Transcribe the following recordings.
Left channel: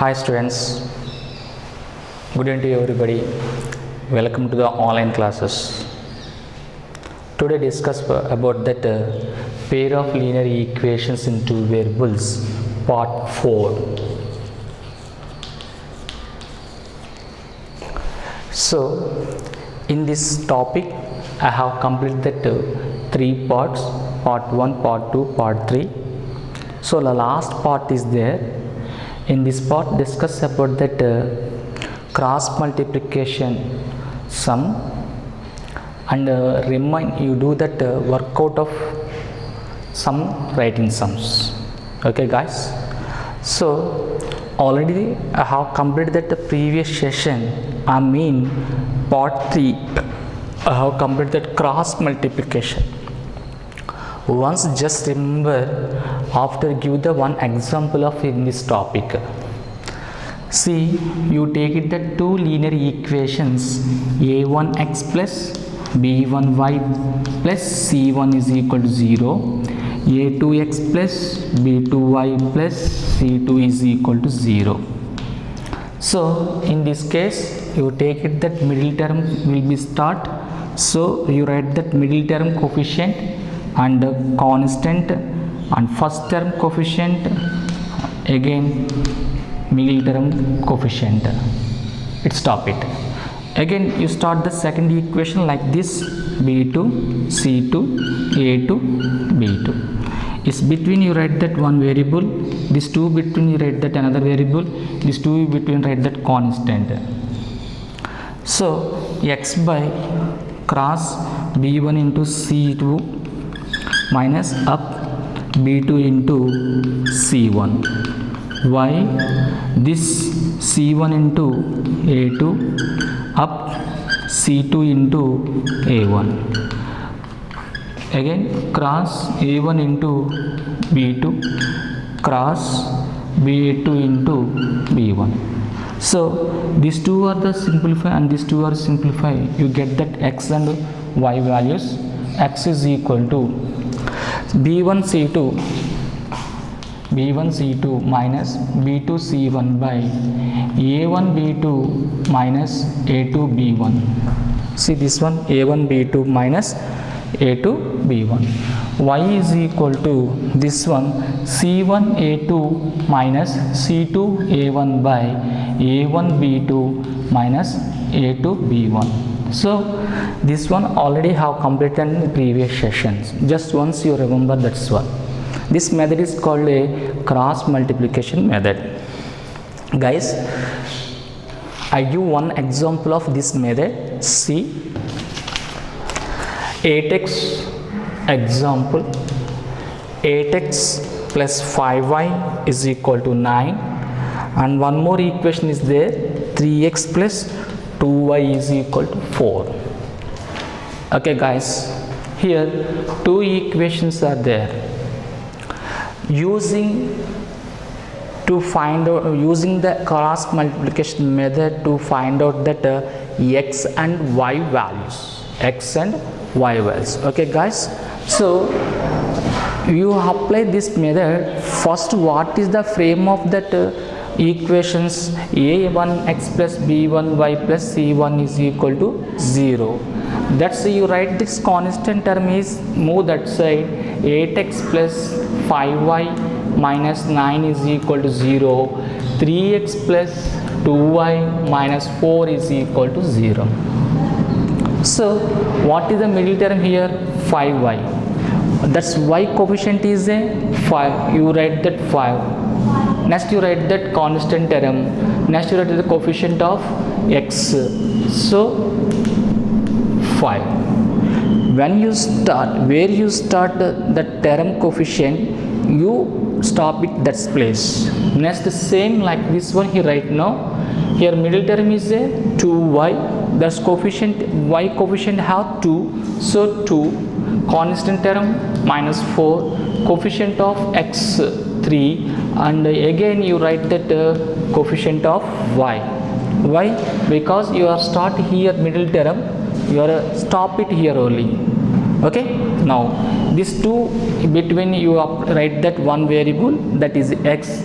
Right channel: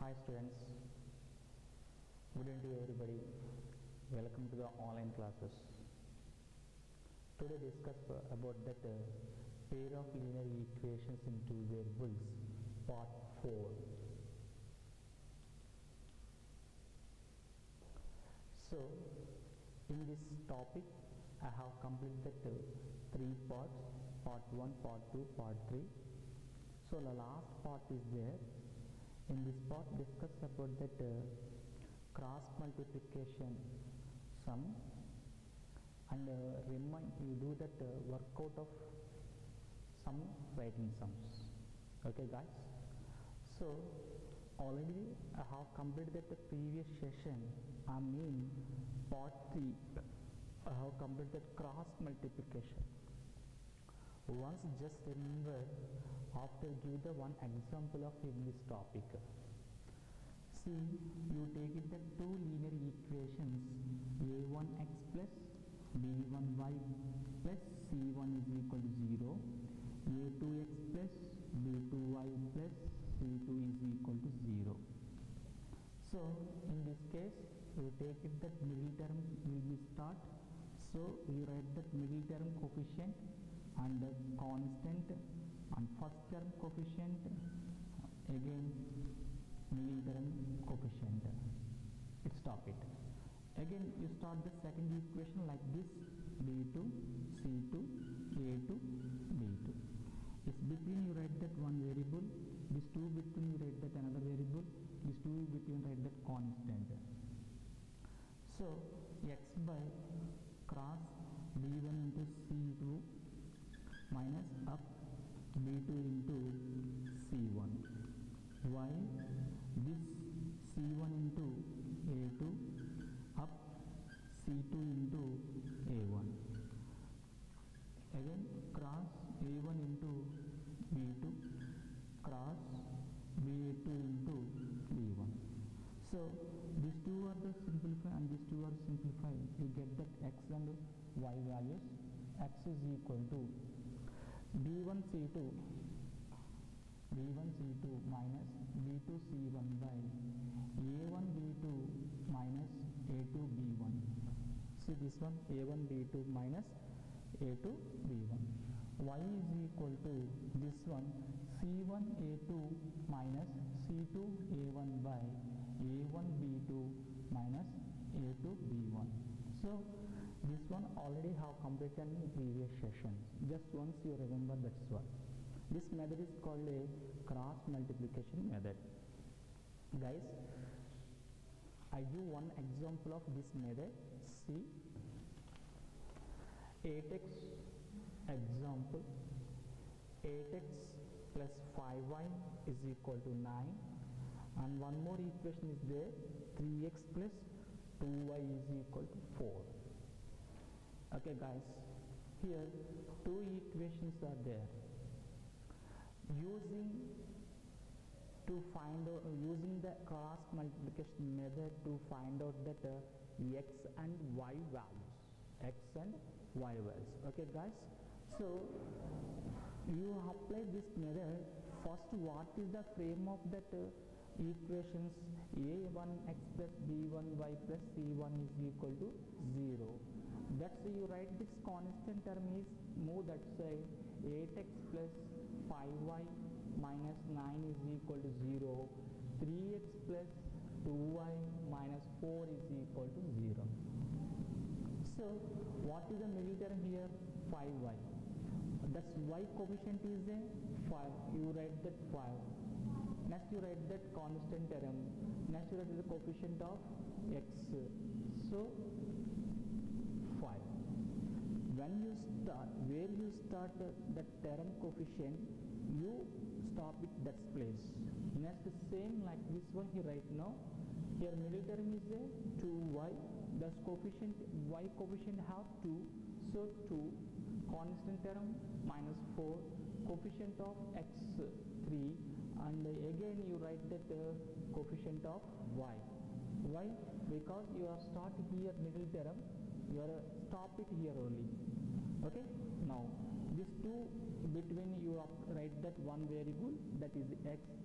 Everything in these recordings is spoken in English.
Hi students, good evening to everybody. Welcome to the online classes. Today discuss about that pair of linear equations in two variables, part 4. So in this topic I have completed three parts, part 1, part 2, part 3. So the last part is there. In this part discuss about that cross multiplication sum and remind you do that workout of some writing sums. Okay guys, so already I have completed that the previous session, I mean part 3. I have completed that cross multiplication. Once just remember, after give the one example of in this topic. See, you take it that two linear equations a1x plus b1y plus c1 is equal to 0, a2x plus b2y plus c2 is equal to 0. So in this case you take it that middle term will be start, so you write that middle term coefficient and constant and first term coefficient, again middle term coefficient, it stop it. Again you start the second equation like this, b2 c2 a2 b2. It's between you write that one variable, this 2 between you write that another variable, this 2 between write that constant. So x by cross b1 into c2 minus up b2 into c1, y this c1 into a2 up c2 into a1, again cross a1 into b2 cross b2 into b1. So these two are the simplify and these two are simplify, you get that x and y values. X is equal to b1 c2 minus b2 c1 by a1 b2 minus a2 b1. See this one, a1 b2 minus a2 b1. Y is equal to this one, c1 a2 minus c2 a1 by a1 b2 minus a2 b1. So this one already have completed in previous sessions, just once you remember, that's one. This method is called a cross multiplication method. Guys, I give one example of this method. See, 8x example, 8x plus 5y is equal to 9, and one more equation is there, 3x plus 2y is equal to 4. Okay guys, here two equations are there. Using the cross multiplication method to find out that x and y values, okay guys. So you apply this method. First, what is the frame of that equations? a1x plus b1y plus c1 is equal to 0. That's you write this constant term is move that side, 8x plus 5y minus 9 is equal to 0, 3x plus 2y minus 4 is equal to 0. So what is the middle term here? 5y. That's y coefficient is a 5. You write that 5. Next you write that constant term. Next you write the coefficient of x. So 5. When you start, where you start the term coefficient, you stop it that place. Next same like this one here right now. Here middle term is a 2y. That's coefficient, y coefficient have 2. So 2. Constant term minus 4. Coefficient of x 3. And again you write that coefficient of y. Why? Because you are start here middle term, you are stop it here only. Okay, now these two between you write that one variable, that is x,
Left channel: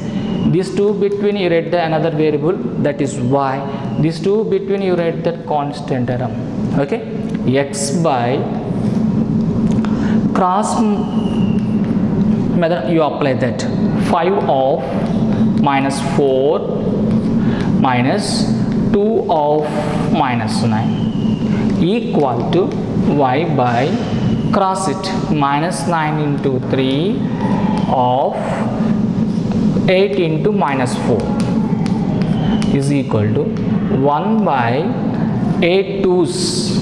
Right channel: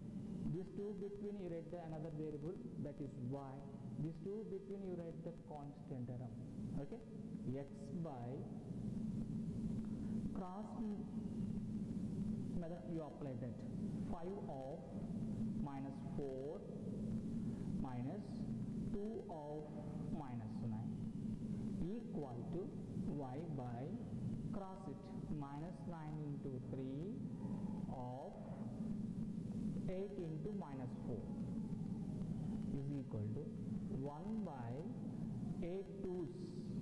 These two between you write the another variable, that is y. These two between you write that constant term. Okay, x by cross method you apply that 5 of minus 4 minus 2 of minus 9 equal to y by cross it minus 9 into 3 of 8 into minus 4 is equal to 1 by 8 twos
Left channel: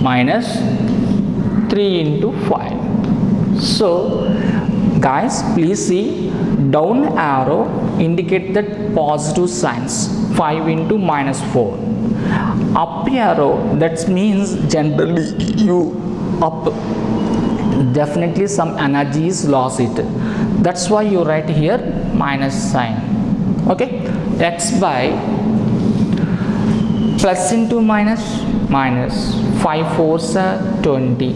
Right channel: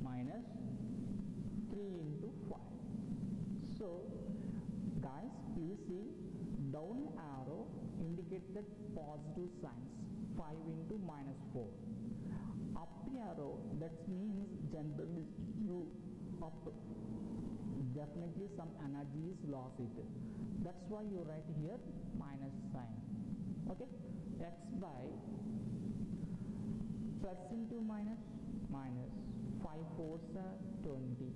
minus 3 into 5. So guys, please see down arrow indicate that positive signs 5 into minus 4. Up arrow that means generally you up, definitely some energy is lost it. That's why you write here minus sign. Okay, x by plus into minus, minus 5 fours are 20,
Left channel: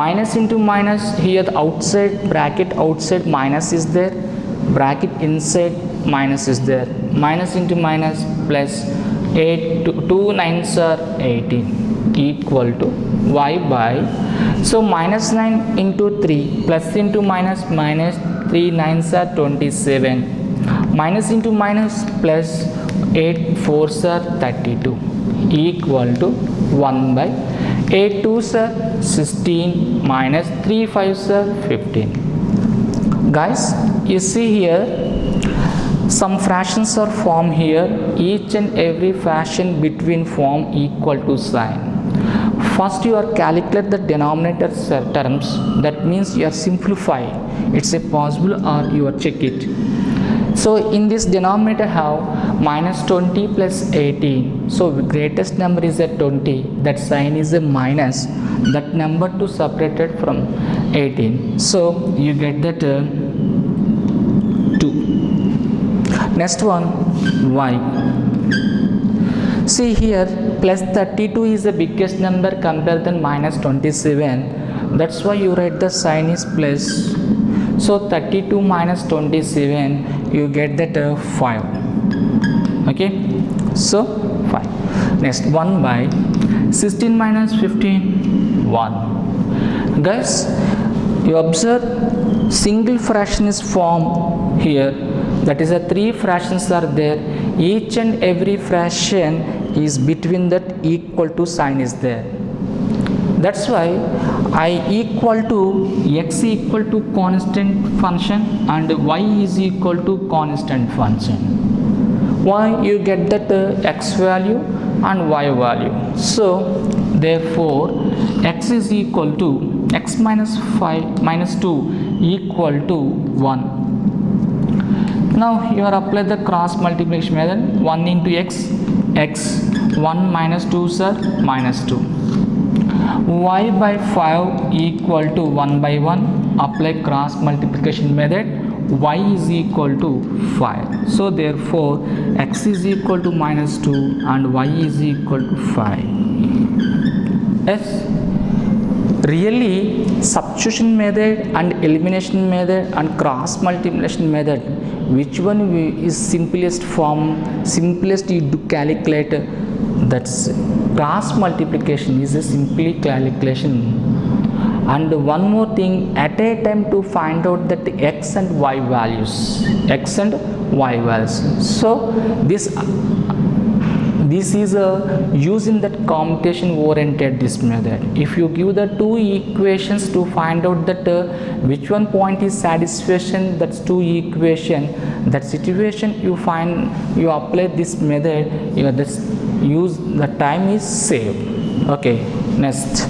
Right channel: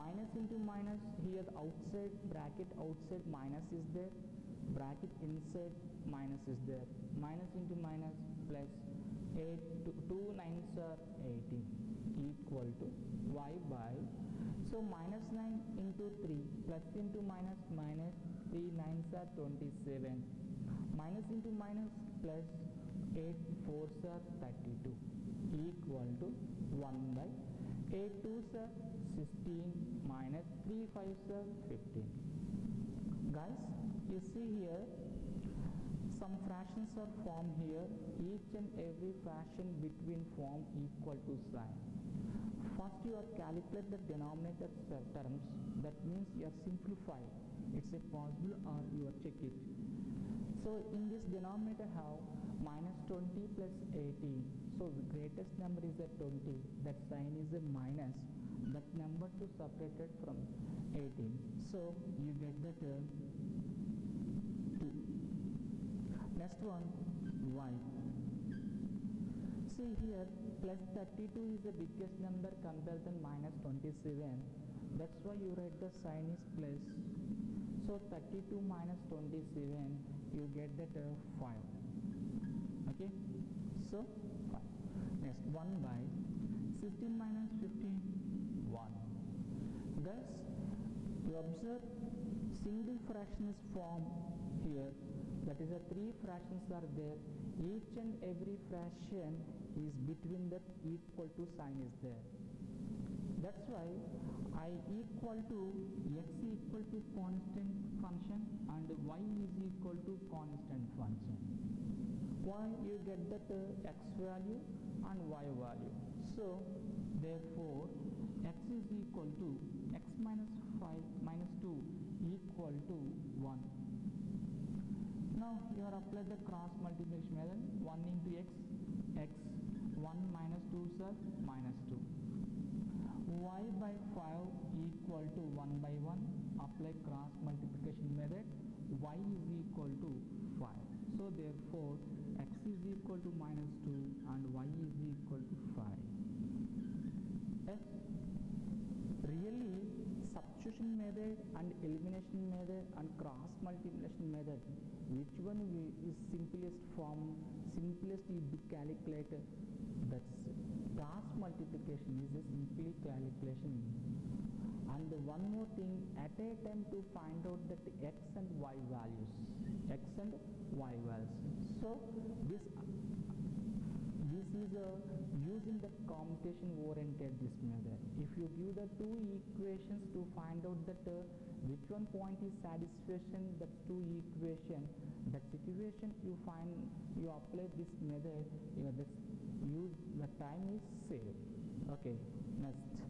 minus into minus, here the outside bracket outside minus is there, bracket inside minus is there, minus into minus plus 8 2 9s are 18 equal to y by, so minus 9 into 3 plus into minus, minus 3 9s are 27, minus into minus plus 8 4s are 32 equal to 1 by 8 2s are 16 minus 3 5s are 15. Guys, you see here some fractions are formed here, each and every fraction between form equal to sign. First you are calculate the denominator terms, that means you are simplifying, it's a possible or you are check it. So in this denominator have minus 20 plus 18, so greatest number is a 20, that sign is a minus, that number to separated from 18, so you get that 2. Next one, y. See here plus 32 is the biggest number compared than minus 27, that's why you write the sign is plus, so 32 minus 27 you get that 5. Okay, so 5. Next 1 by 16 minus 15 1. Guys, you observe single fraction is formed here, that is a 3 fractions are there, each and every fraction is between that equal to sign is there. That's why I equal to x equal to constant function and y is equal to constant function. Why? You get that x value and y value. So therefore x is equal to x minus 5 minus 2 equal to 1. Now you are apply the cross multiplication method, 1 into x, x 1 minus 2 sir minus 2, y by 5 equal to 1 by 1, apply cross multiplication method, y is equal to 5, so therefore x is equal to minus 2 and y is equal to 5. Yes, really substitution method and elimination method and cross multiplication method, which one is simplest form, simplest you do calculate, that's cross multiplication is a simply calculation. And one more thing, at a time to find out that x and y values, x and y values, so this is a using that computation oriented this method. If you give the two equations to find out that which one point is satisfaction, that's two equation, that situation you find, you apply this method, you just use, the time is saved. Okay, next.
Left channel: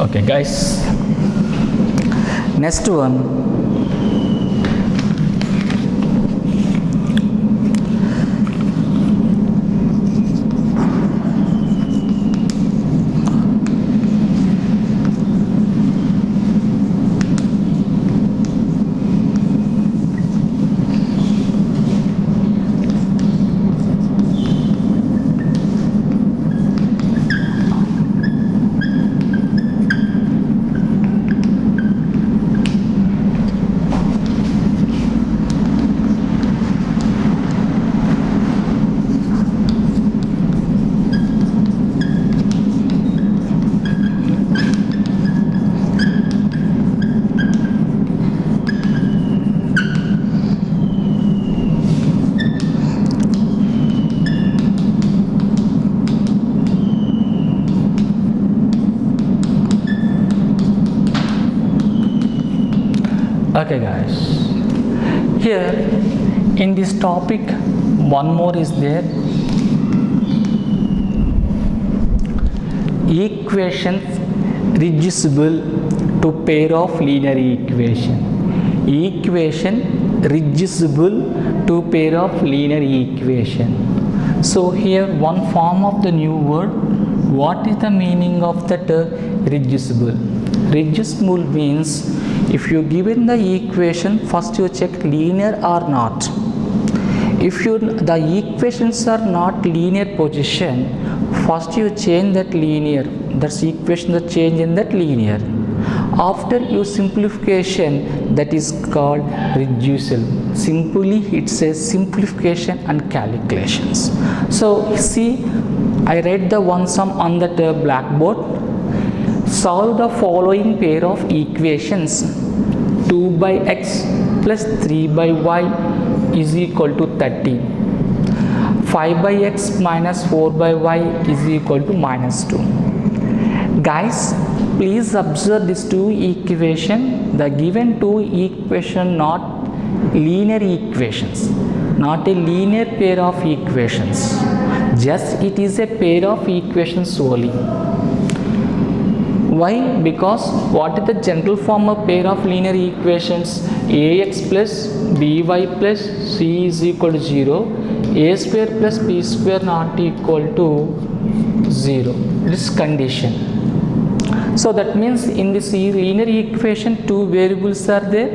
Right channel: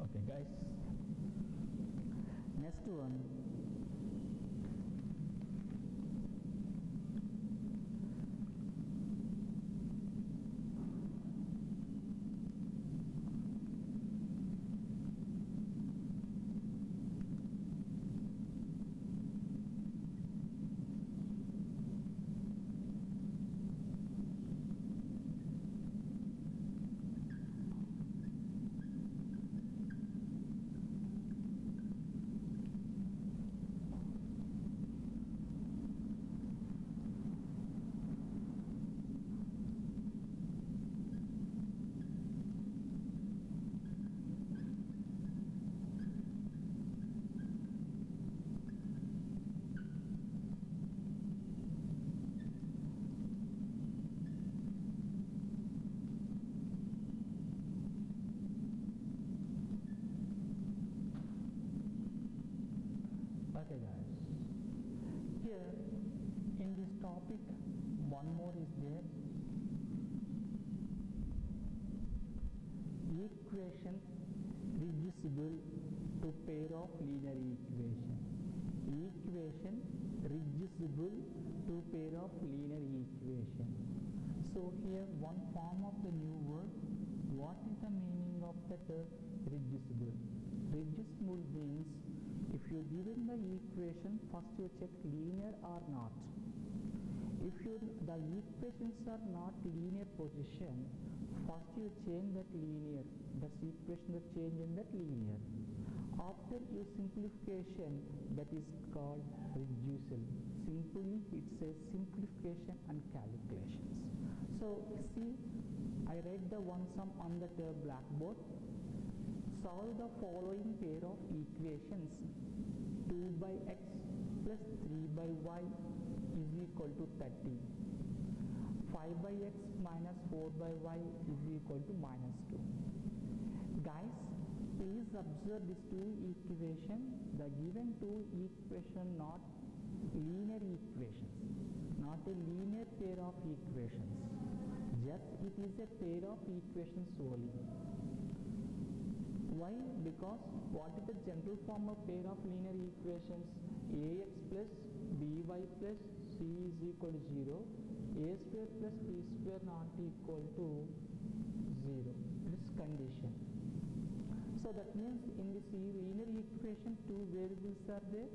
Okay guys, next one, Okay guys, here in this topic one more is there, equations reducible to pair of linear equation. Equation reducible to pair of linear equation. So here one form of the new word. What is the meaning of that reducible? Reducible means if you given the equation, first you check linear or not. If the equations are not linear position, first you change that linear, that's equation the change in that linear. After you simplification, that is called reducible. Simply it's a simplification and calculations. So see, I write the one sum on that blackboard. Solve the following pair of equations. 2 by x plus 3 by y is equal to 13. 5 by x minus 4 by y is equal to minus 2. Guys, please observe these two equations. The given two equations not linear equations, not a linear pair of equations. Just it is a pair of equations only. Why? Because what is the general form of pair of linear equations? Ax plus by plus c is equal to 0. A square plus b square not equal to 0. This condition. So that means in this linear equation two variables are there,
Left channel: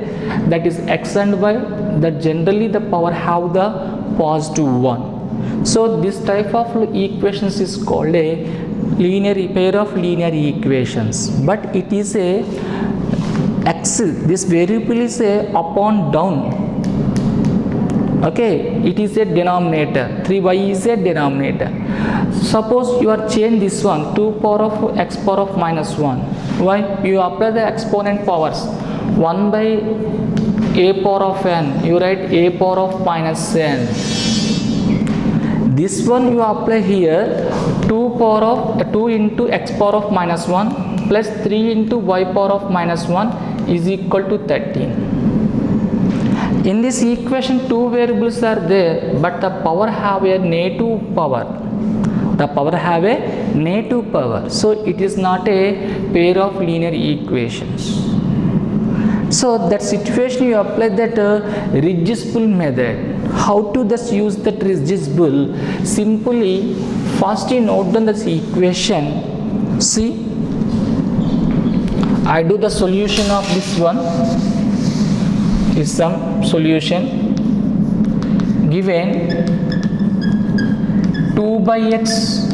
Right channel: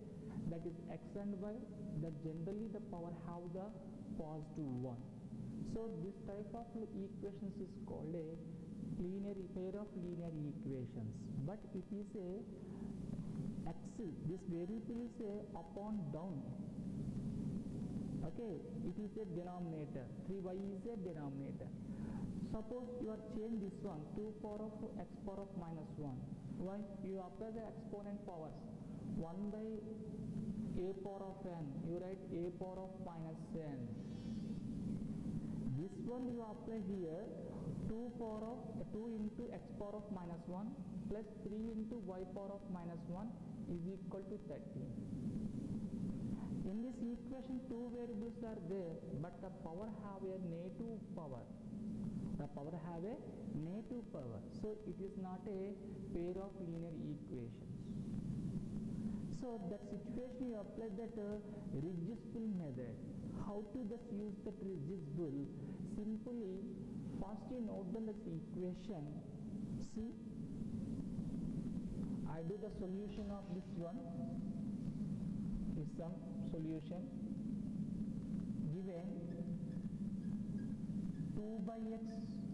that is x and y, that generally the power have the positive 1. So this type of equations is called a linear pair of linear equations, but it is a x, this variable is a up and down. Okay, it is a denominator, 3y is a denominator. Suppose you are change this one, 2 power of x power of minus 1. Why? You apply the exponent powers. 1 by a power of n, you write a power of minus n. This one you apply here, 2 into x power of minus 1 plus 3 into y power of minus 1 is equal to 13. In this equation two variables are there, but the power have a negative power. The power have a negative power. So it is not a pair of linear equations. So that situation you apply that reducible method. How to thus use that reducible? Simply first you note down this equation. See, I do the solution of this one. Is some solution given 2 by x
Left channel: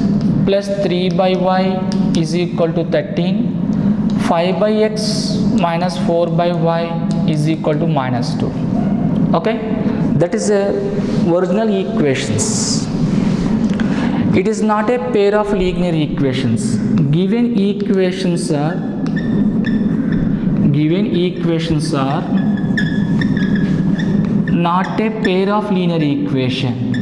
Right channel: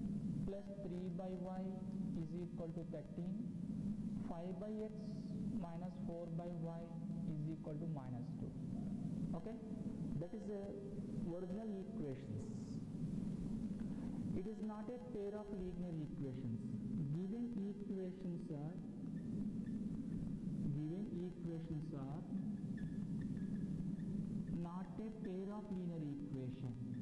plus 3 by y is equal to 13. 5 by x minus 4 by y is equal to minus 2. Okay, that is a original equations. It is not a pair of linear equations. Given equations are not a pair of linear equation.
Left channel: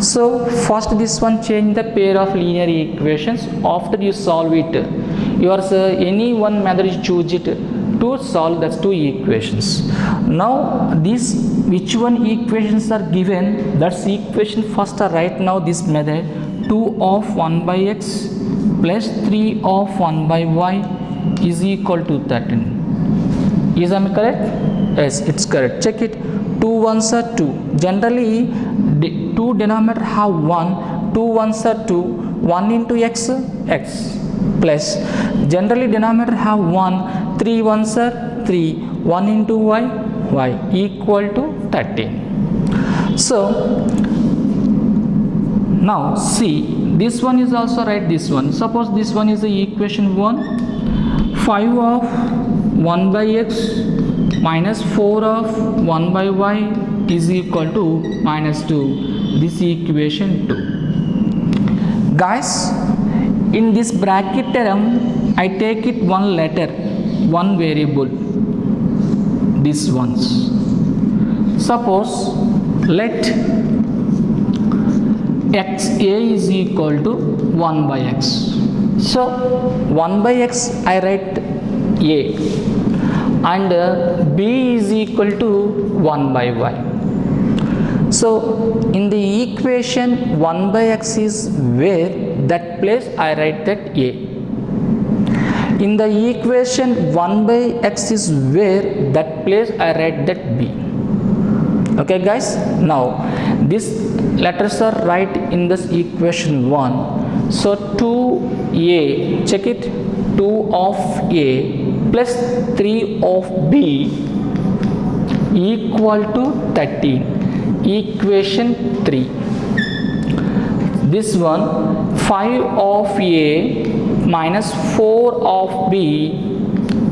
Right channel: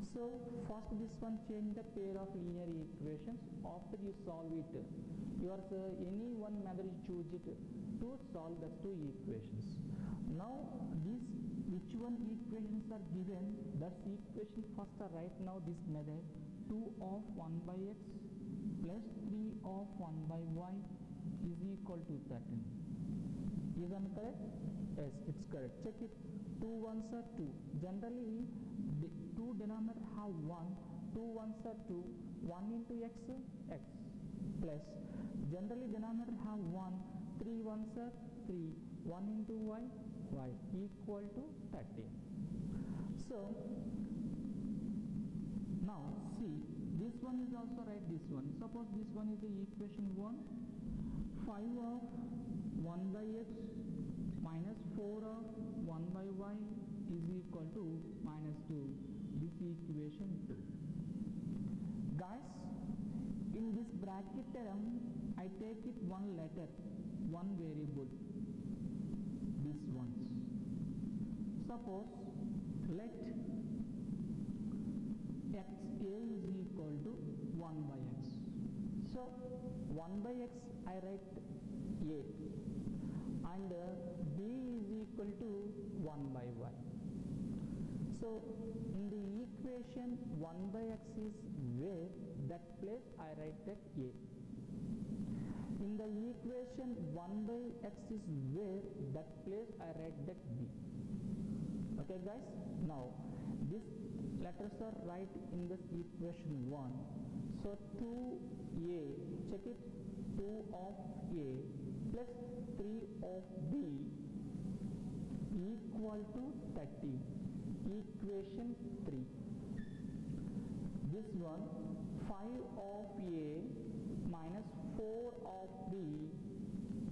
So first this one change the pair of linear equations. After you solve it, your any one method you choose it to solve that's two equations. Now this which one equations are given, that's equation first write now this method. 2 of 1 by x plus 3 of 1 by y is equal to 13. Is I correct? Yes, it's correct. Check it. 2 ones are 2. Generally, two denominator have 1. 2 ones are 2. 1 into x, x plus. Generally, denominator have 1. 3 ones are 3. 1 into y, y equal to 13. So now see, this one is also right. This one. Suppose this one is the equation 1. 5 of 1 by x minus 4 of 1 by y is equal to minus 2. This equation 2. Guys, in this bracket term, I take it one letter, one variable. This ones. Suppose let x a is equal to 1 by x. So 1 by x I write a, and b is equal to 1 by y. So in the equation 1 by x is where, that place I write that a. In the equation 1 by x is where, that place I write that b. Okay guys, now these letters are right in this equation 1. So 2a, check it, 2 of a plus 3 of b equal to 13. Equation 3. This one, 5 of a minus 4 of b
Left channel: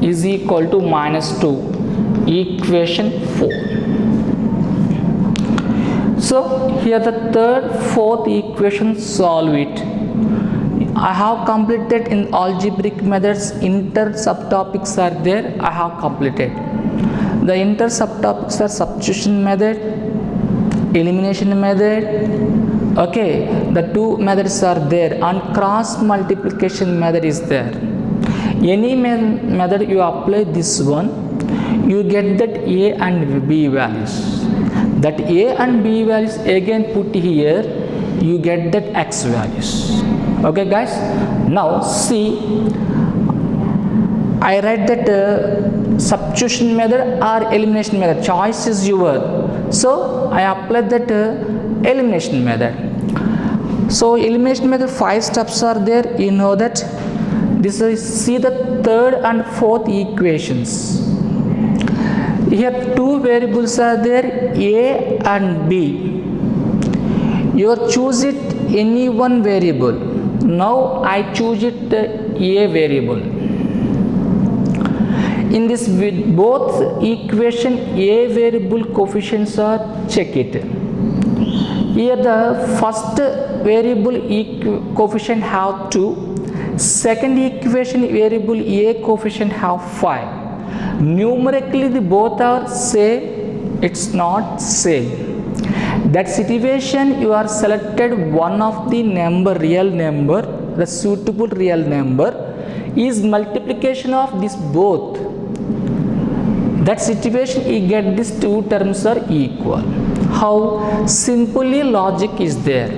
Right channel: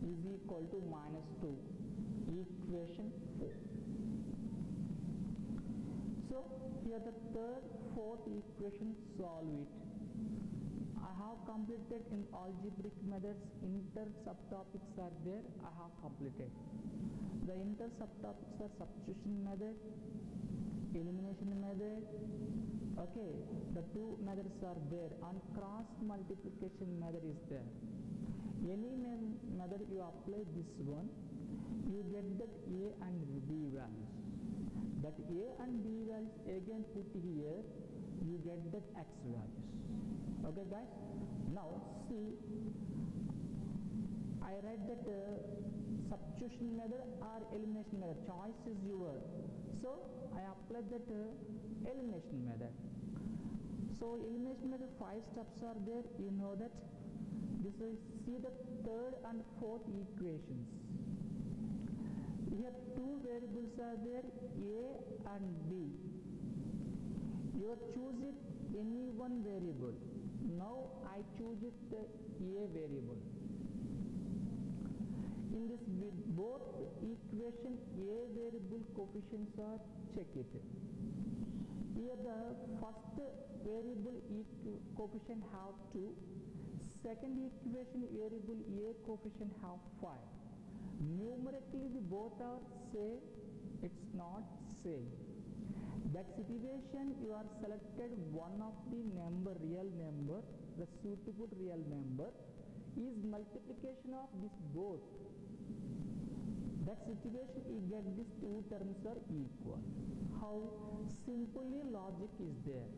is equal to minus 2. Equation 4. So here the third, fourth equation, solve it. I have completed in algebraic methods. Inter subtopics are there, I have completed. The inter subtopics are substitution method, elimination method. Okay, the two methods are there, and cross multiplication method is there. Any method you apply this one, you get that a and b values. That a and b values again put here, you get that x values. Okay guys, now see, I write that substitution method or elimination method, choice is yours. So I apply that elimination method. So elimination method 5 steps are there, you know that. This is, see the third and fourth equations. Here two variables are there, a and b. You choose it any one variable. Now I choose it a variable. In this both equation, a variable coefficients are, check it. Here the first variable coefficient have 2, second equation variable a coefficient have 5. Numerically the both are same, it's not same. That situation you are selected one of the number, real number, the suitable real number is multiplication of this both. That situation you get these two terms are equal. How? Simply logic is there.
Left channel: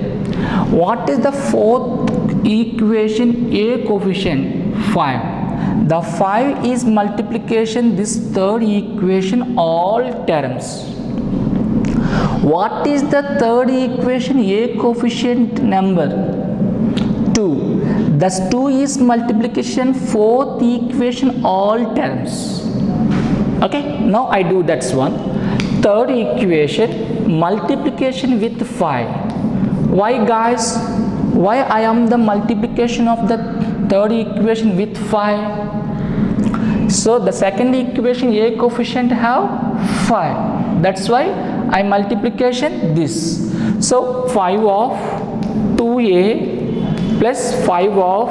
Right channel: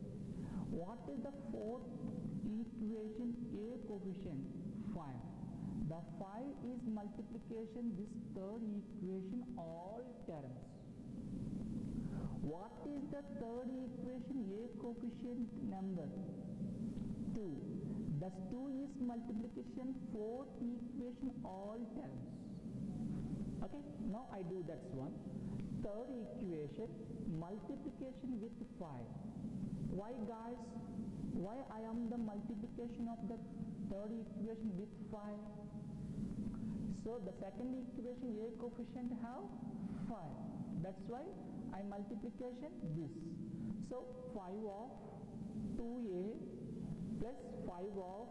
What is the fourth equation? A coefficient 5. The 5 is multiplication this third equation all terms. What is the third equation? A coefficient number 2. Thus 2 is multiplication fourth equation all terms. Okay, now I do that's one. Third equation multiplication with 5. Why guys? Why I am the multiplication of the third equation with 5? So the second equation a coefficient have 5. That's why I multiplication this. So 5 of 2a plus 5 of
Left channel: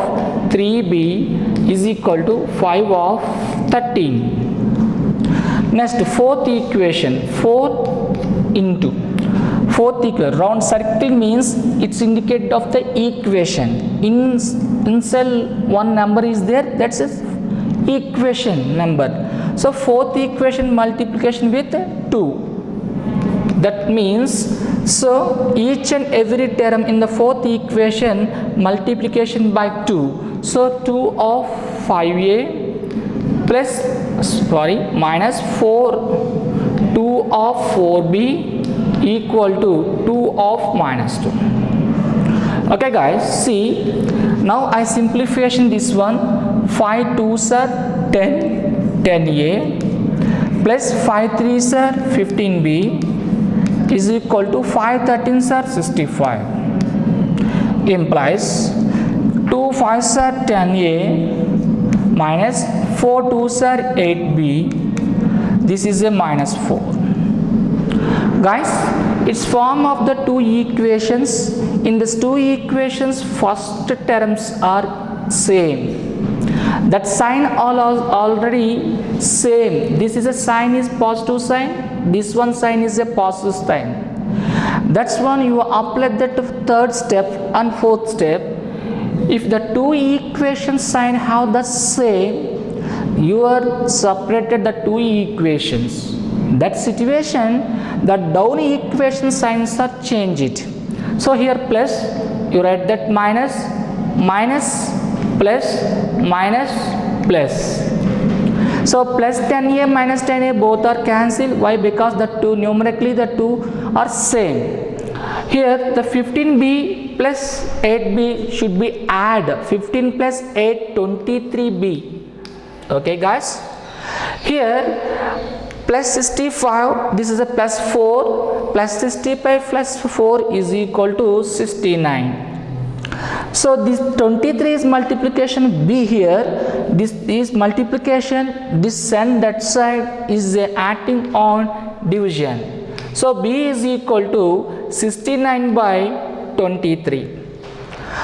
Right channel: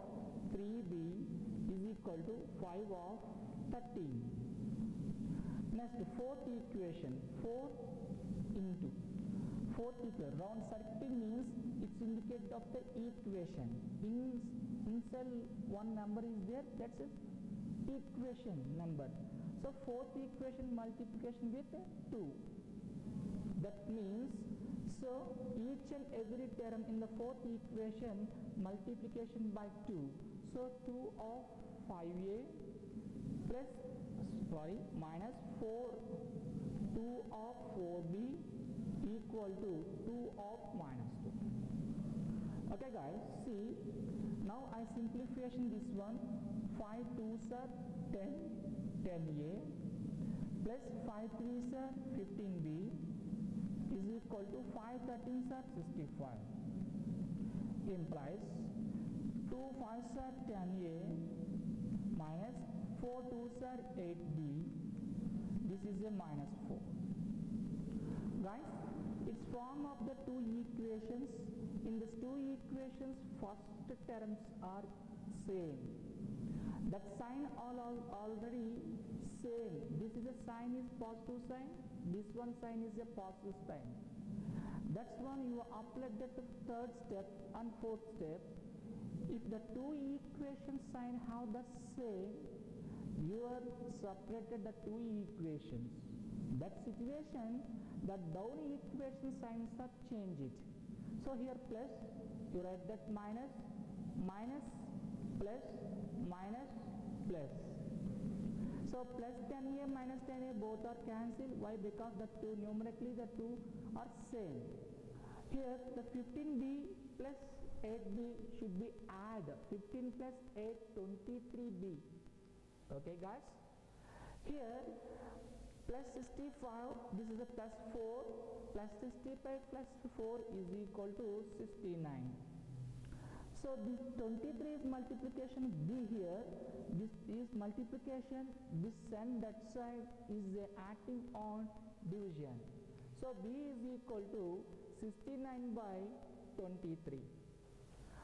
3b is equal to 5 of 13. Next, fourth equation, 4 into fourth equation. Round circle means it's indicated of the equation. In cell one number is there, that's a equation number. So fourth equation multiplication with 2. That means, so each and every term in the fourth equation multiplication by 2. So 2 of 5a plus minus 4 2 of 4b equal to 2 of minus 2. Okay guys, see, now I simplification this one. 5 2s are 10, 10a plus 5 3s are 15b is equal to 5 13s are 65. Implies 2 5s are 10a minus 4 2s are 8b. This is a minus 4. Guys, it's form of the two equations. In these two equations, first terms are same. That sign already same. This is a sign is positive sign. This one sign is a positive sign. That's when you apply that third step and fourth step. if the two equation sign have the same, you are separated the two equations. That situation, the down equation signs are changed. So here plus, you write that minus, minus, plus, minus, plus. So plus 10a minus 10a both are cancelled. Why? Because the two numerically the two are same. Here the 15b plus 8b should be add 15 plus 8 23b. Okay guys, here plus 65, this is a plus 4, plus 65 plus 4 is equal to 69. So this 23 is multiplication b here, this is multiplication, this and that side is acting on division. So b is equal to 69 by 23.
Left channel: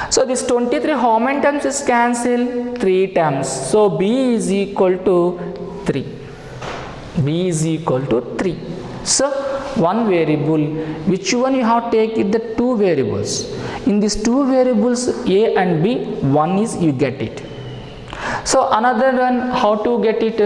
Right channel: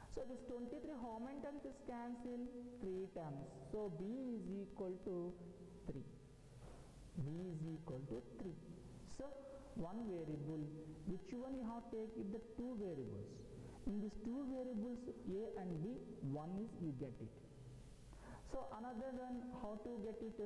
So this 23 how many times is cancelled? 3 times. So b is equal to 3. B is equal to 3. So one variable, which one you have to take it the two variables. In these two variables a and b, one is you get it. So another one, how to get it?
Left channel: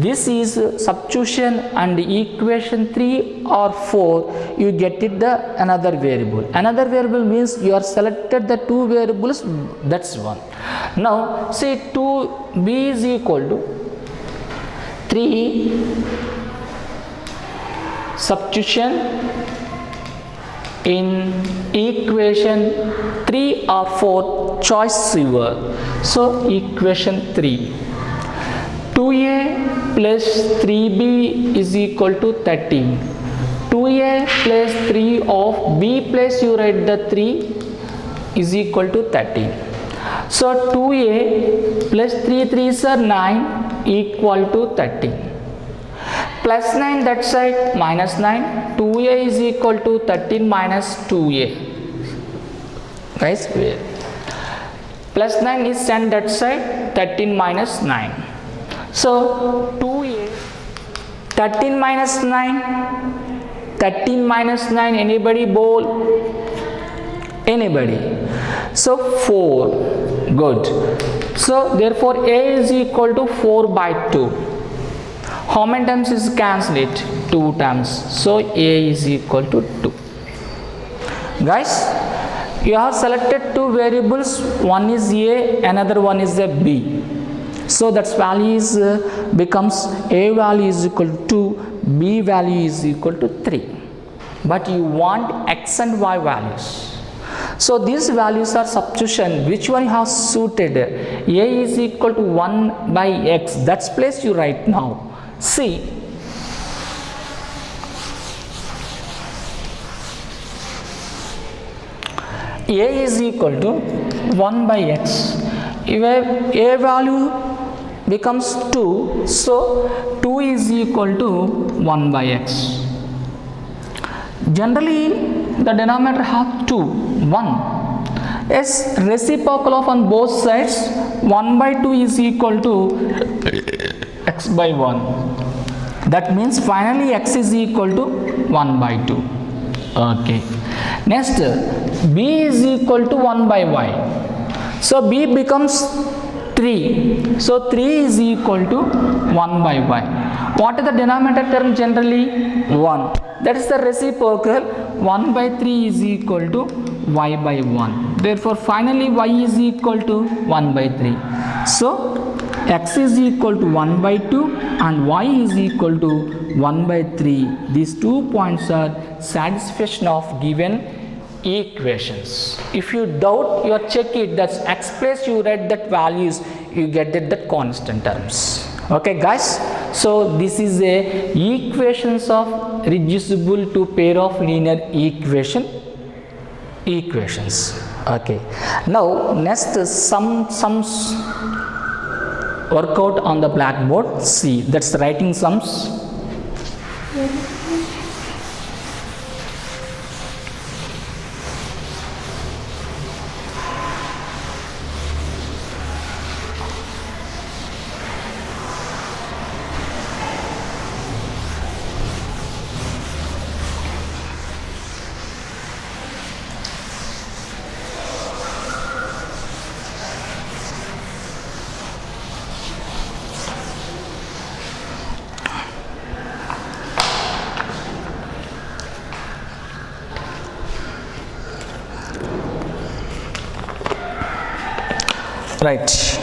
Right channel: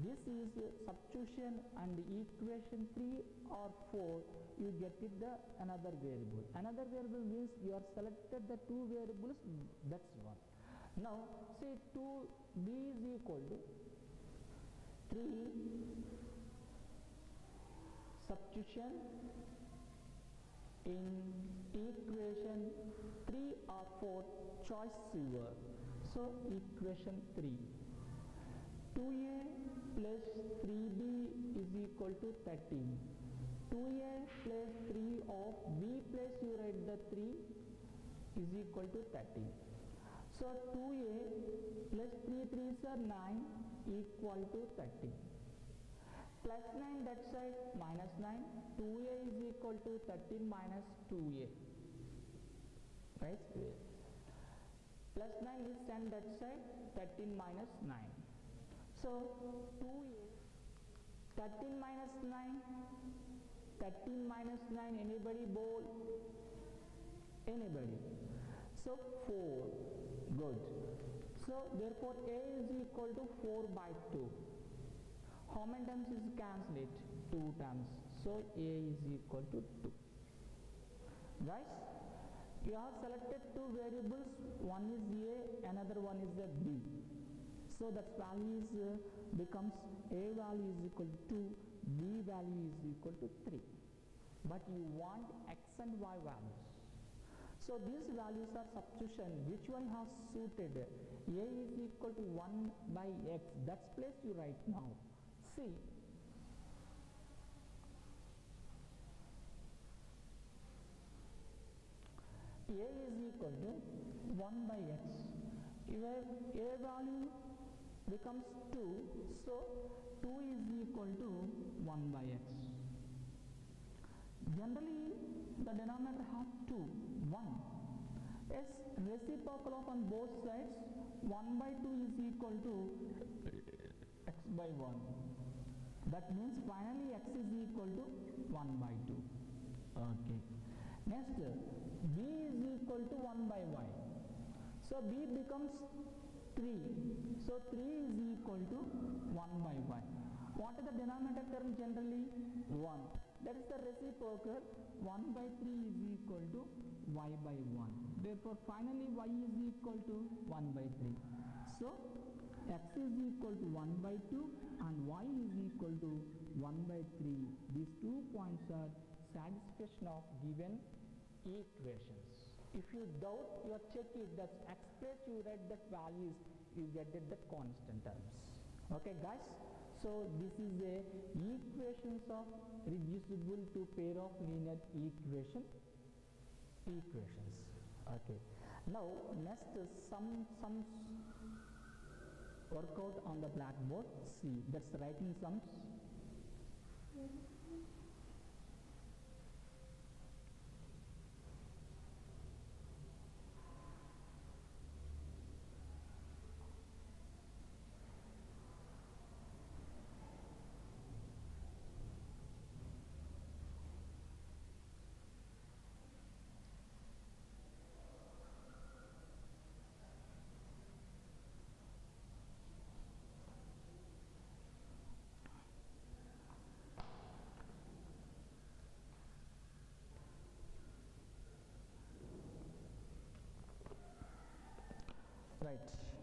This is substitution and equation 3 or 4, you get it the another variable. Another variable means you are selected the two variables, that's one. Now say 2b is equal to 3 substitution in equation 3 or 4, choice your. So equation 3, 2a plus 3b is equal to 13. 2a plus 3 of b plus you write the 3 is equal to 13. So 2a plus 3 3s are 9 equal to 13. Plus 9 that side minus 9, 2a is equal to 13 minus 2a. Guys, plus 9 is sent that side, 13 minus 9. So 2a, 13 minus 9, 13 minus 9, anybody bowl? Anybody? So 4, good. So therefore a is equal to 4 by 2. How many times is cancelled it? 2 times. So a is equal to 2. Guys, you have selected two variables, one is a, another one is a b. So that value is becomes a value is equal to 2, b value is equal to 3. But you want x and y values. So these values are substitution. Which one you have suited? A is equal to 1 by x. That's place you write now. See, a is equal to 1 by x. If a value becomes 2, so 2 is equal to 1 by x. Generally, the denominator have 2, 1. As reciprocal of on both sides, 1 by 2 is equal to x by 1. That means finally x is equal to 1 by 2. Okay. Next, b is equal to 1 by y. So b becomes 3. So 3 is equal to 1 by y. What is the denominator term generally? 1. That is the reciprocal. 1 by 3 is equal to y by 1. Therefore finally y is equal to 1 by 3. So x is equal to 1 by 2 and y is equal to 1 by 3. These 2 points are satisfaction of given equations. If you doubt, you check it, that's x place you write that values, you get that constant terms. Okay guys, so this is a equations of reducible to pair of linear equations. Okay, now next sums workout on the blackboard. See, that's writing sums. Right.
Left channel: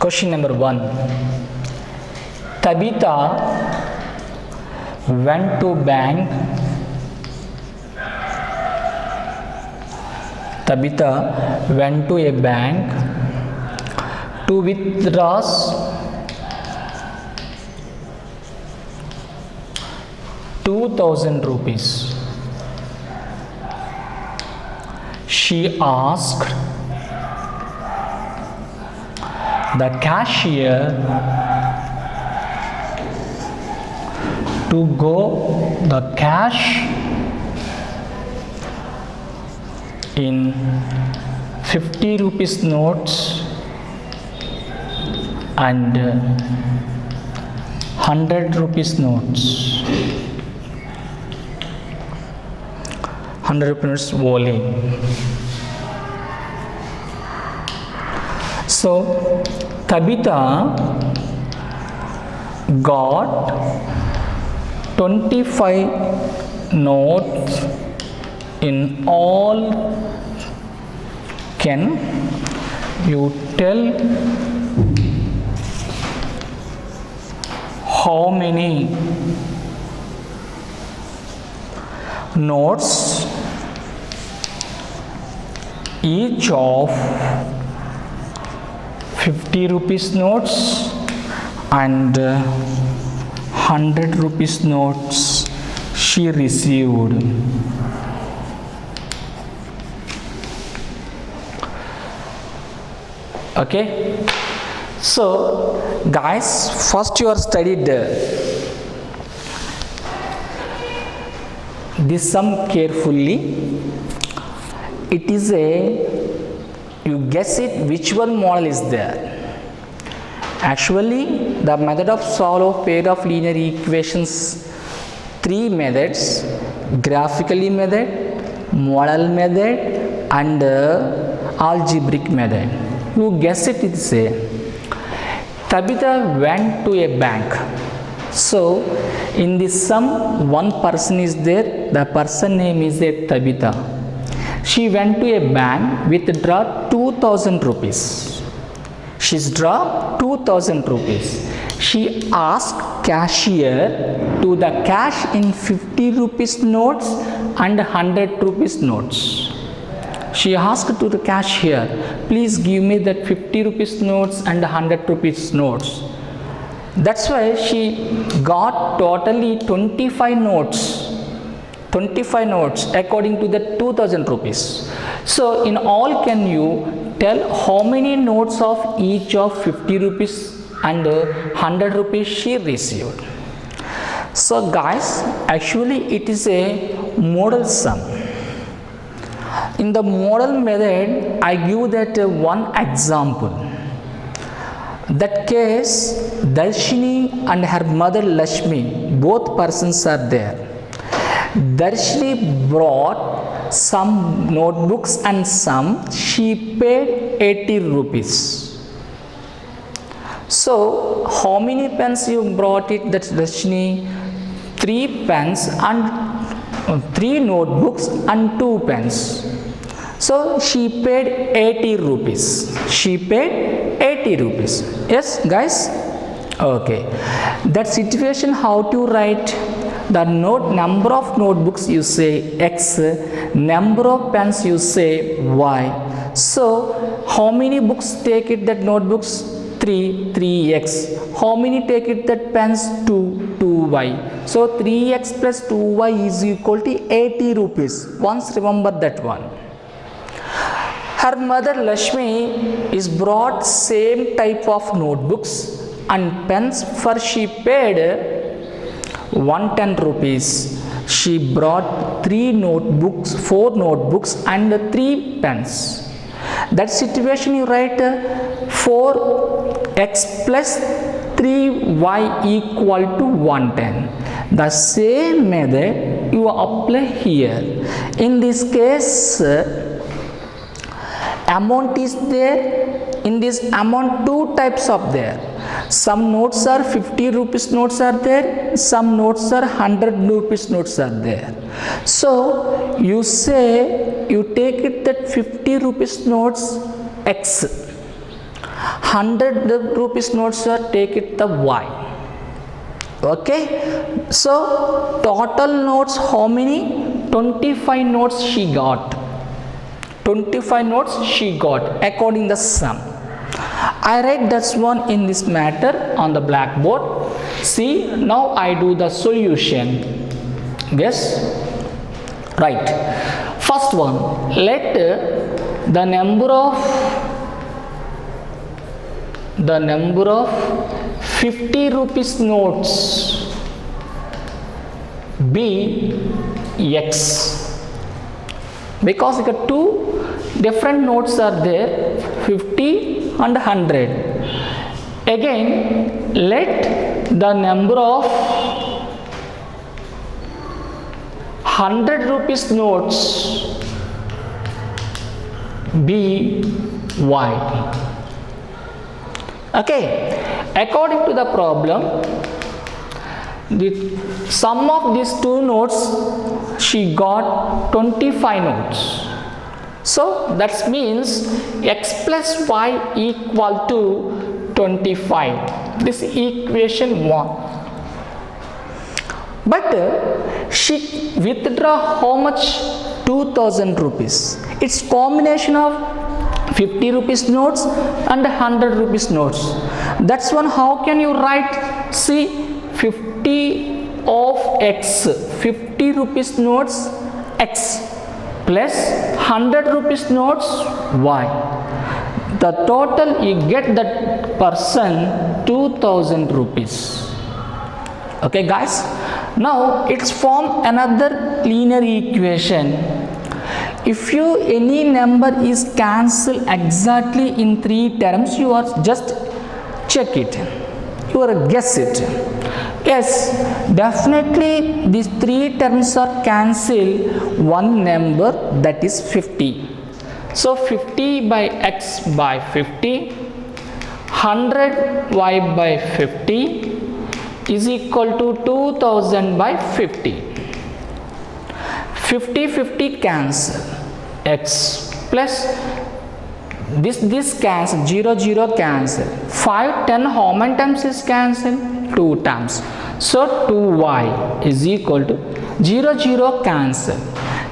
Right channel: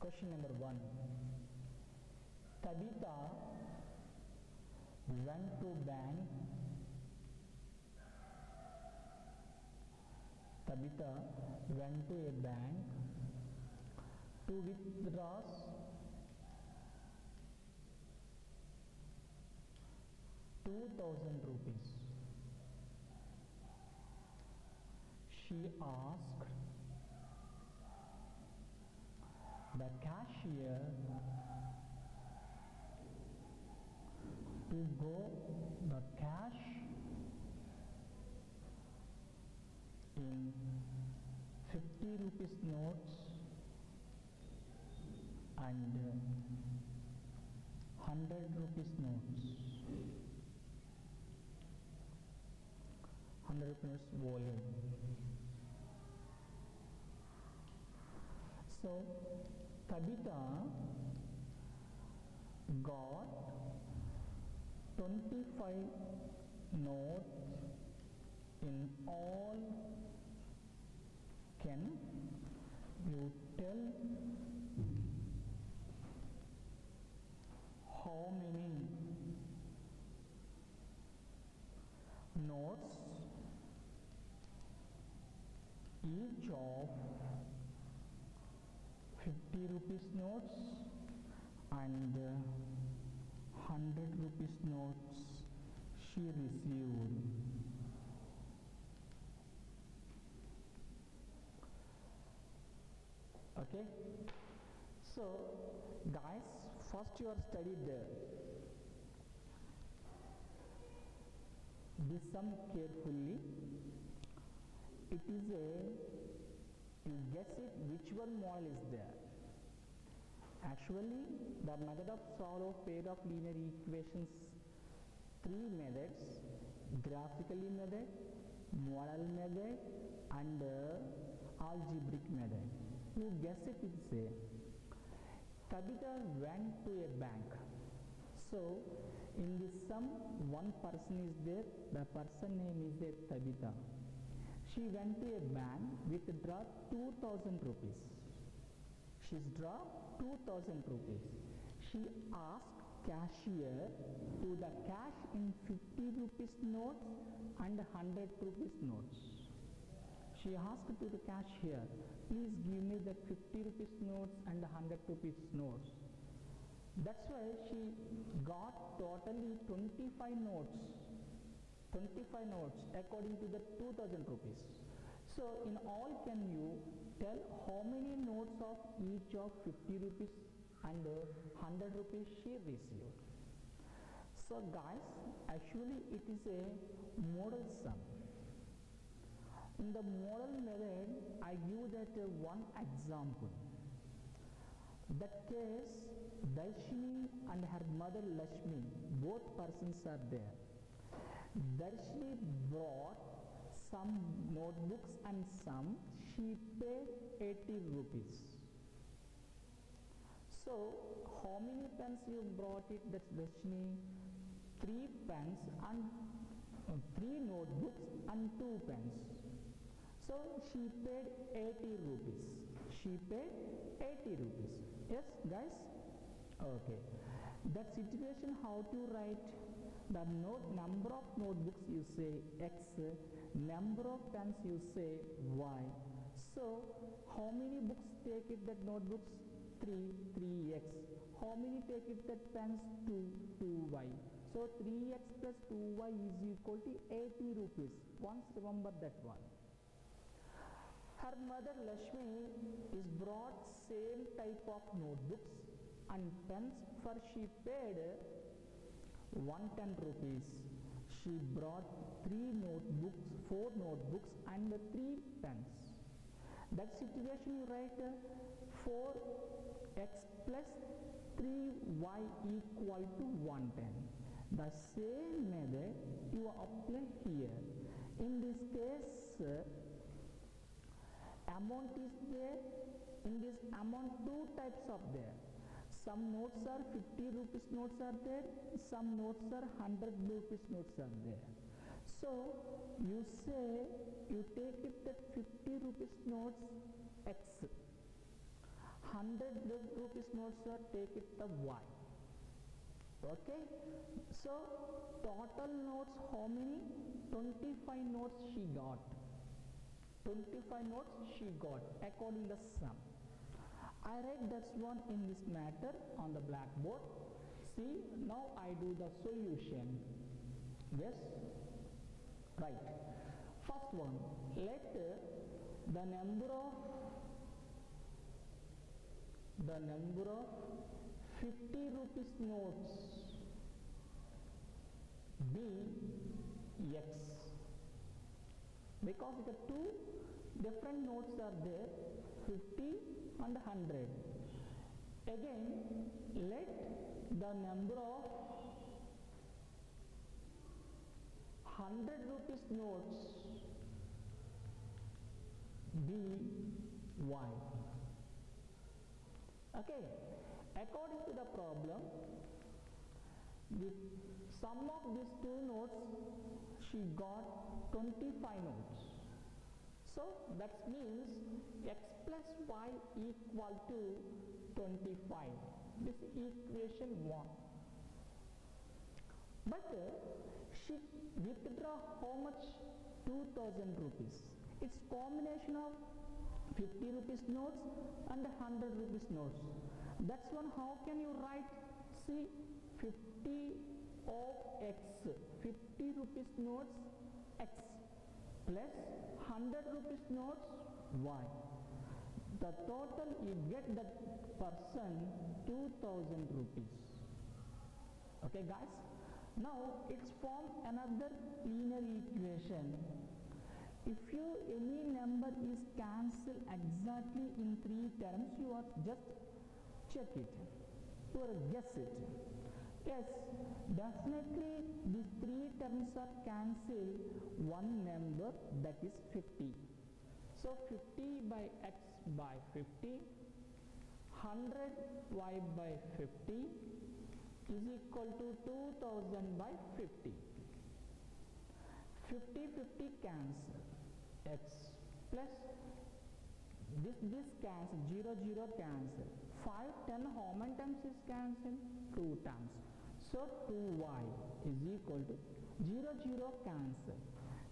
Question number 1. Tabitha went to bank. Tabitha went to a bank to withdraw 2,000 rupees. She asked the cashier to go the cash in 50 rupees notes and 100 rupees notes. 100 rupees only. So Tabitha got 25 notes in all. Can you tell how many notes each of 50 rupees notes and 100 rupees notes she received? Okay, so guys, first you are studied this sum carefully. It is you guess it which one model is there. Actually the method of solve of pair of linear equations, 3 methods: graphically method, model method and algebraic method. You guess it, it's Tabitha went to a bank. So in this sum one person is there, the person name is Tabitha. She went to a bank withdraw 2,000 rupees. She's draw 2,000 rupees. She asked cashier to the cash in 50 rupees notes and 100 rupees notes. She asked to the cashier, please give me that 50 rupees notes and 100 rupees notes. That's why she got totally 25 notes. 25 notes according to the 2,000 rupees. So in all, can you tell how many notes of each of 50 rupees and 100 rupees she received? So guys, actually it is a model sum. In the model method, I give that one example. That case, Darshini and her mother Lakshmi, both persons are there. Darshini brought some notebooks and some, she paid 80 rupees. So, how many pens you brought it? That's Darshini? 3 pens and 3 notebooks and 2 pens. So she paid 80 rupees. She paid 80 rupees. Yes, guys? Okay. That situation, how to write? The number of notebooks you say X, number of pens you say Y. So how many books take it that notebooks? 3x. How many take it that pens? 2y. So 3x plus 2y is equal to 80 rupees. Once remember that one. Her mother Lakshmi is brought same type of notebooks and pens, for she paid 110 rupees. She brought 3 notebooks, 4 notebooks and 3 pens. That situation you write 4x plus 3y equal to 110. The same method you apply here. In this case, amount is there. In this amount, 2 types of there. Some notes are 50 rupees notes are there, some notes are 100 rupees notes are there. So you say, you take it that 50 rupees notes X, 100 rupees notes are take it the Y. Okay, so total notes how many? 25 notes she got. 25 notes she got according the sum. I write that one in this matter on the blackboard. See, now I do the solution. Yes, right. First one, let the number of 50 rupees notes be X, because the two different notes are there, 50 and 100. Again, let the number of 100 rupees notes be Y. Okay, according to the problem, the sum of these two notes, she got 25 notes. So that means X plus Y equal to 25. This equation 1. But she withdraw how much? 2000 rupees. It's combination of 50 rupees notes and 100 rupees notes. That's one. How can you write? See, 50 of X, 50 rupees notes X plus 100 rupees notes Y. The total you get that person 2000 rupees. Okay guys, now it's form another linear equation. If you any number is cancelled exactly in 3 terms, you are just check it, you are guess it. Yes, definitely these 3 terms are cancelled one number, that is 50. So 50 by X by 50, 100 Y by 50 is equal to 2000 by 50. 50 50 cancel, X plus this cancel, 0 0 cancel, 5 10 how many times is cancel? 2 times. So 2Y is equal to 0 0 cancel.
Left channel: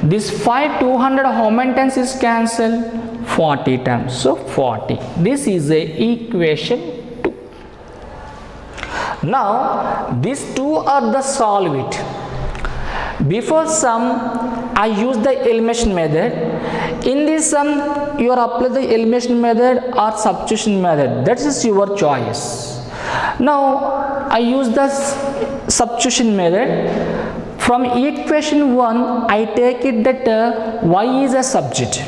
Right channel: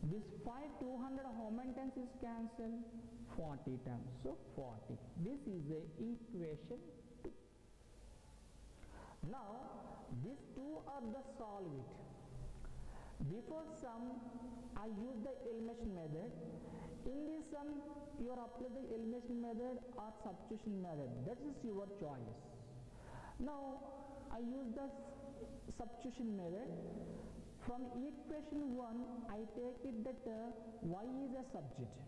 This 5 200 how many times is cancel? 40 times. So 40. This is a equation 2. Now these two are the solve it. Before sum, I use the elimination method. In this sum, you are apply the elimination method or substitution method. That is your choice. Now, I use the substitution method. From equation 1, I take it that Y is a subject.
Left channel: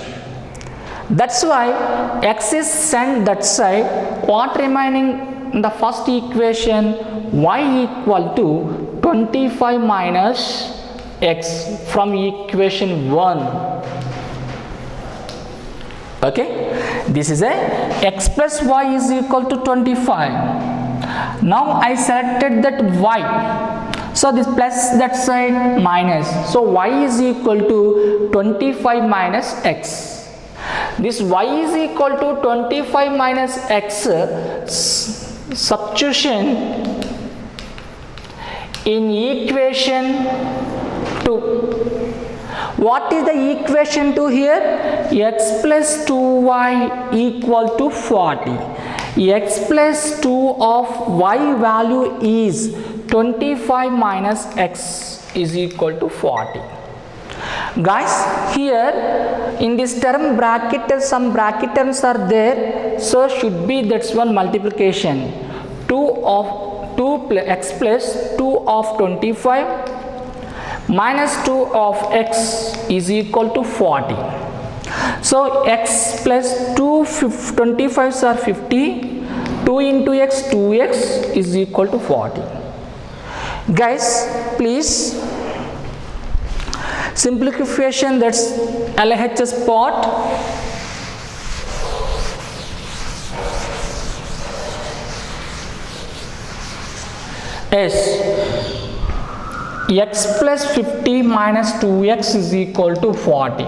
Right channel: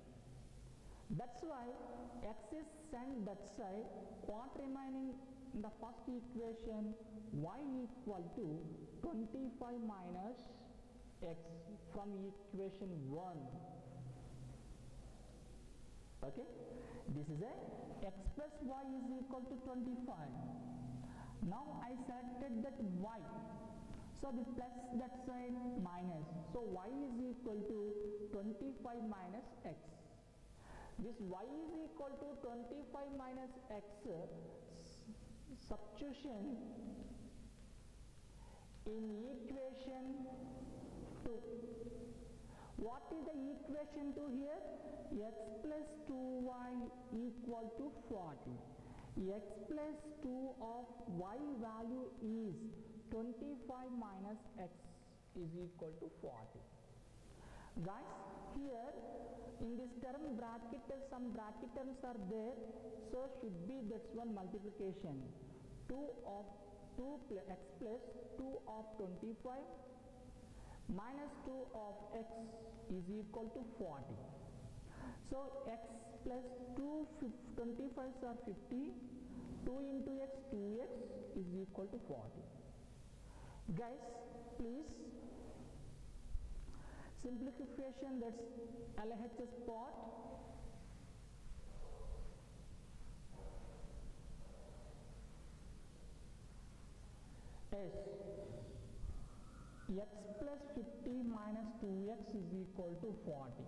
That's why X is sent that side. What remaining in the first equation? Y equal to 25 minus X from equation 1. Okay, this is a X plus Y is equal to 25. Now I selected that Y, so this plus that side minus, so Y is equal to 25 minus X. This Y is equal to 25 minus X, substitution in equation 2. What is the equation 2 here? X plus 2Y equal to 40. X plus 2 of Y value is 25 minus X is equal to 40. Guys, here in this term bracket, some bracket terms are there, so should be that's one multiplication. 2 of 2 X plus 2 of 25 minus 2 of X is equal to 40. So X plus 2 25s are 50, 2 into X 2X is equal to 40. Guys, please simplification, that's LHS part. Yes, x plus 50 minus 2x is equal to 40.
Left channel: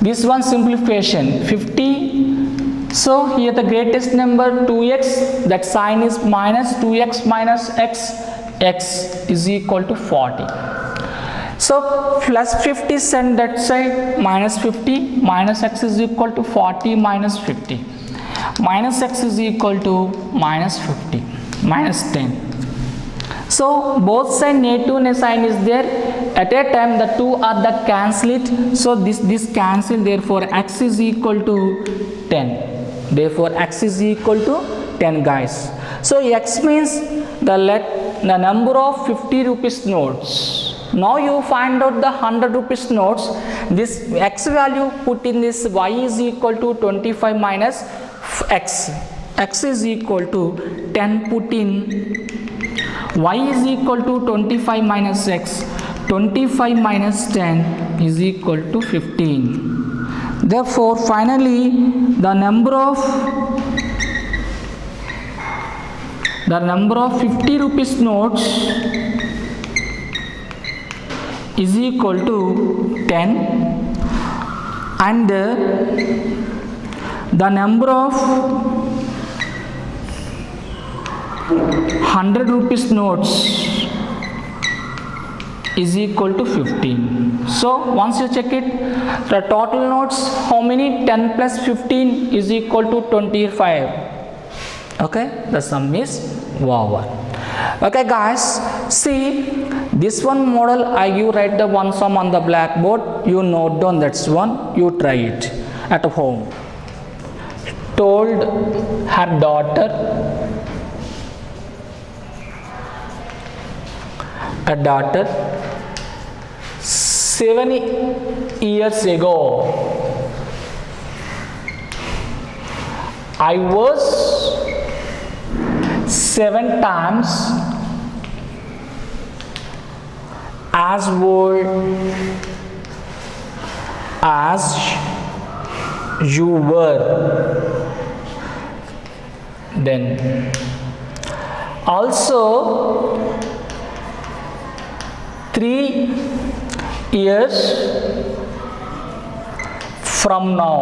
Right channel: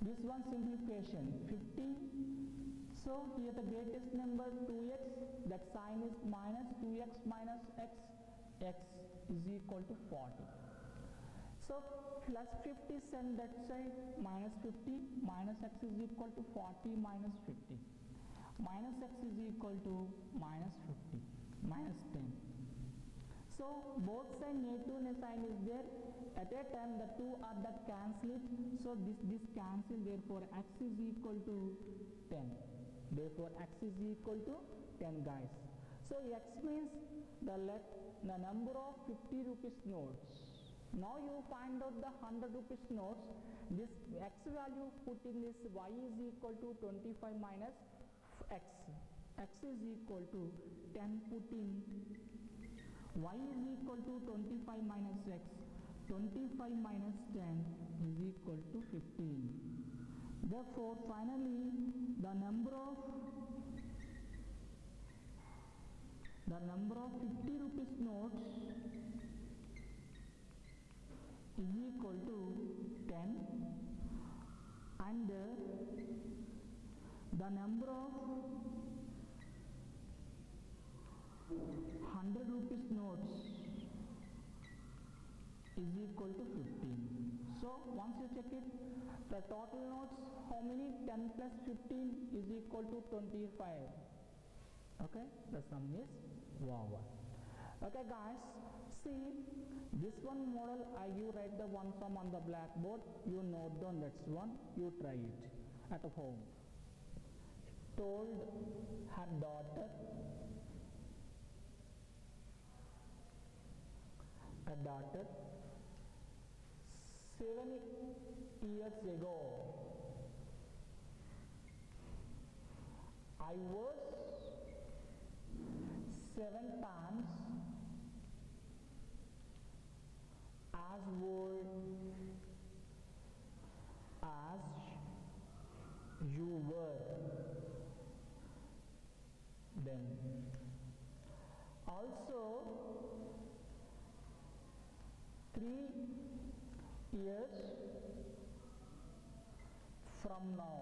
This one simplification 50. So here the greatest number 2x, that sign is minus 2x minus x, x is equal to 40. So plus 50 send that side, minus 50 minus x is equal to 40 minus 50. Minus x is equal to minus 50 minus 10. So both side negative sign is there. At a time the two are the cancel it. So this cancel, therefore x is equal to 10. Therefore x is equal to 10, guys. So x means the number of 50 rupees notes. Now you find out the 100 rupees notes. This x value put in this, y is equal to 25 minus x. X is equal to 10 put in, y is equal to 25 minus x. 25 minus 10 is equal to 15. Therefore finally the number of 50 rupees notes is equal to 10, and the number of 100 rupees notes is equal to 15. So once you check it, the total notes, how many? 10 plus 15 is equal to 25. Okay, the sum is over. Okay guys, see this one model, you write the one sum on the blackboard, you note down that's one, you try it at home. Told her daughter, a daughter, 7 years ago I was 7 times as old as you were then. Also 3 years from now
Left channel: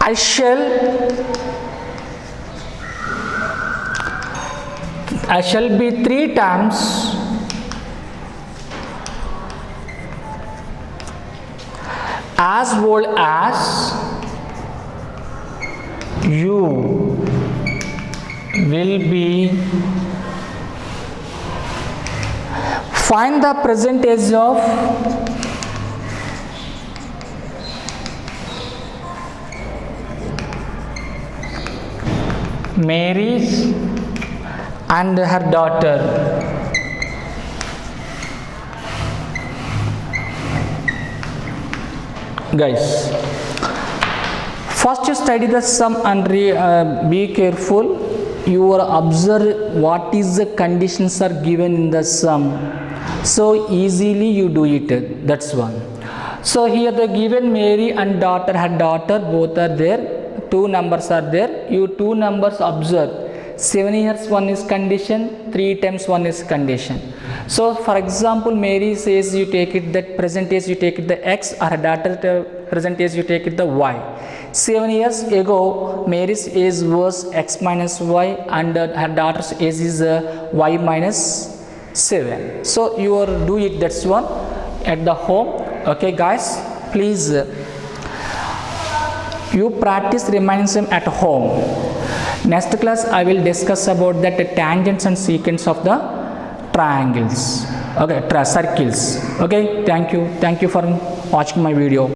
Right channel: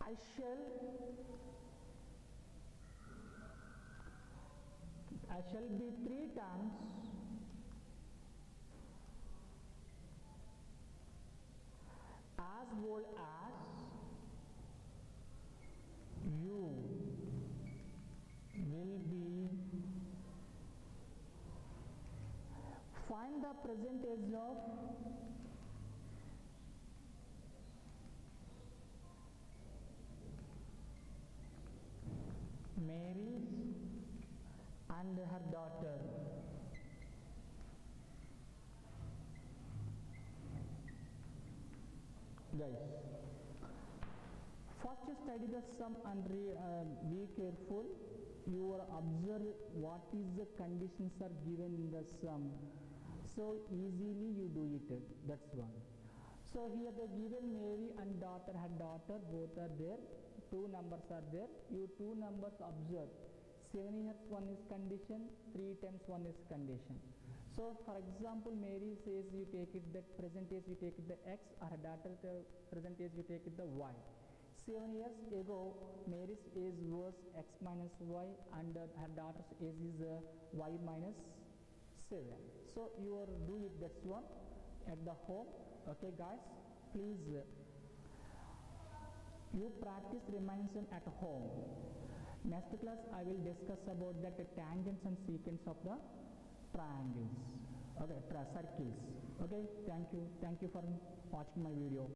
I shall be 3 times as old as you will be. Find the percentage of Mary and her daughter. Guys, first you study the sum and be careful. You will observe what is the conditions are given in the sum. So easily you do it. That's one. So here the given Mary and daughter, her daughter, both are there. 2 numbers are there. You 2 numbers observe. 7 years one is condition, 3 times 1 is condition. So for example, Mary says you take it that percentage, you take it the x, or her daughter percentage you take it the y. 7 years ago Mary's age was x minus y and her daughter's age is y minus 7. So you are do it, that's one at the home. Okay guys, please you practice remaining sum at home. Next class I will discuss about that tangents and secants of the triangles, okay, circles. Okay, thank you for watching my video.